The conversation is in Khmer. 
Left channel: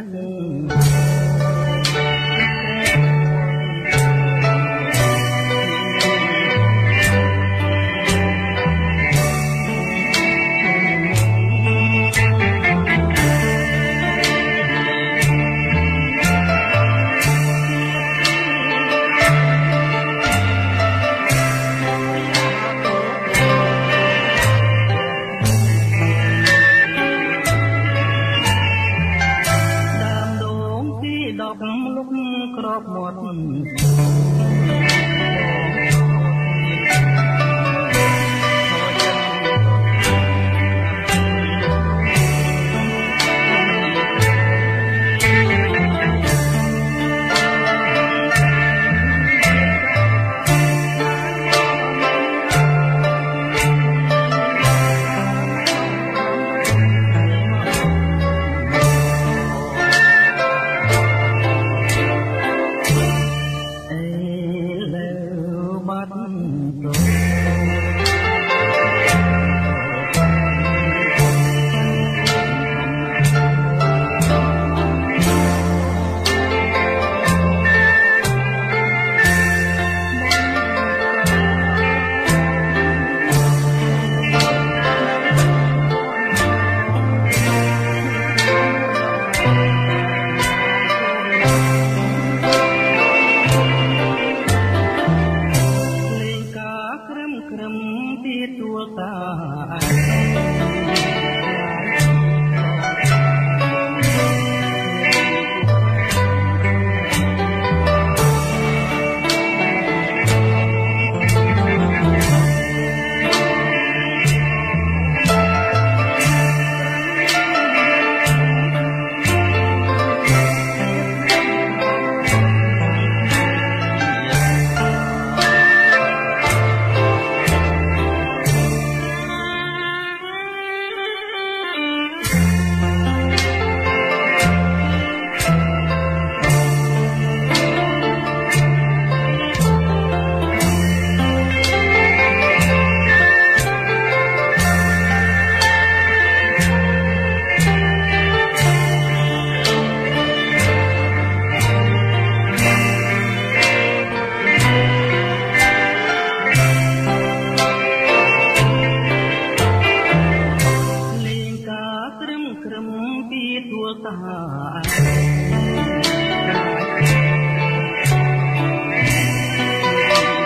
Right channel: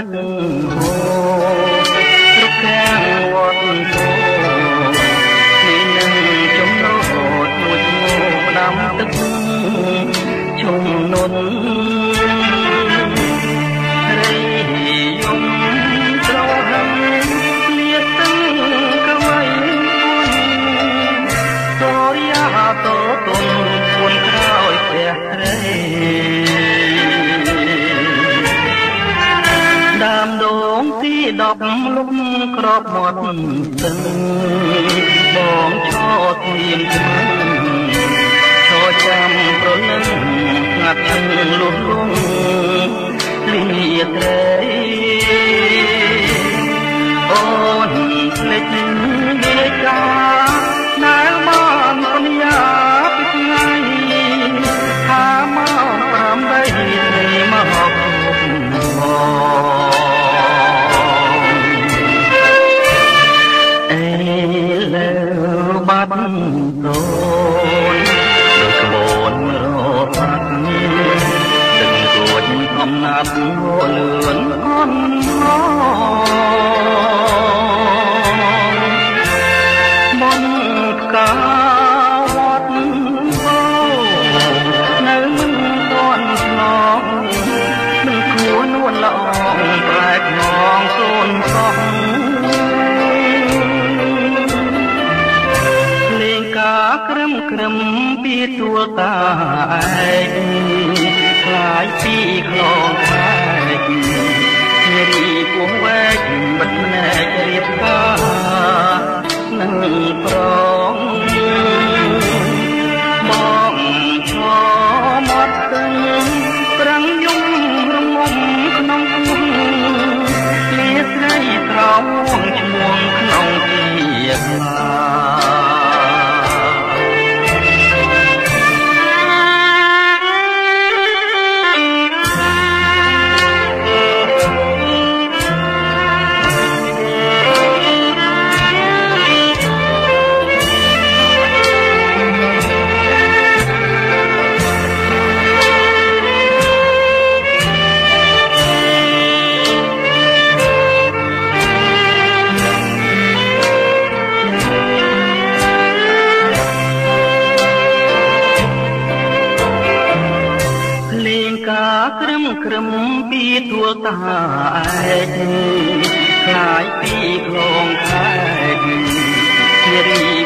ទឹកលោកខាងវត្តគោនេះនឹងចំណោទមួយដាំទឹកជុំនុនដប់លំក្របមាត់ទឹកបងឈរត្រៀមជំឈរចាំប្រលឹងស្ងាត់ឈឹងលុះលងលីត្រីអូនភ្លេចវាចាណែមកអនុញ្ញាតពីថ្ងៃថាមក8ត្រីមកបងបាត់ដូនក្បួនរត់ទឹករួចអំណាចលឿនអន់មកបងកាវត្តអូនៅមិនតន់ឡងមិនគួរនួនល្អប្រែកងសូនសោះក្រឹមពីទួលតាឯងខ្លាយពីខ្លងខែករីពោះវែកបិទណែករៀបការនឹងប្រងមកឈរមាត់ទឹងប្រាំងយំរងំក្នុងពោះលាស្រីត្រង់ឈ្មោះក្នុងជាខ្លាក្រឹមពីទួលតាឯងខ្លាយពីខ្លងខែកជារី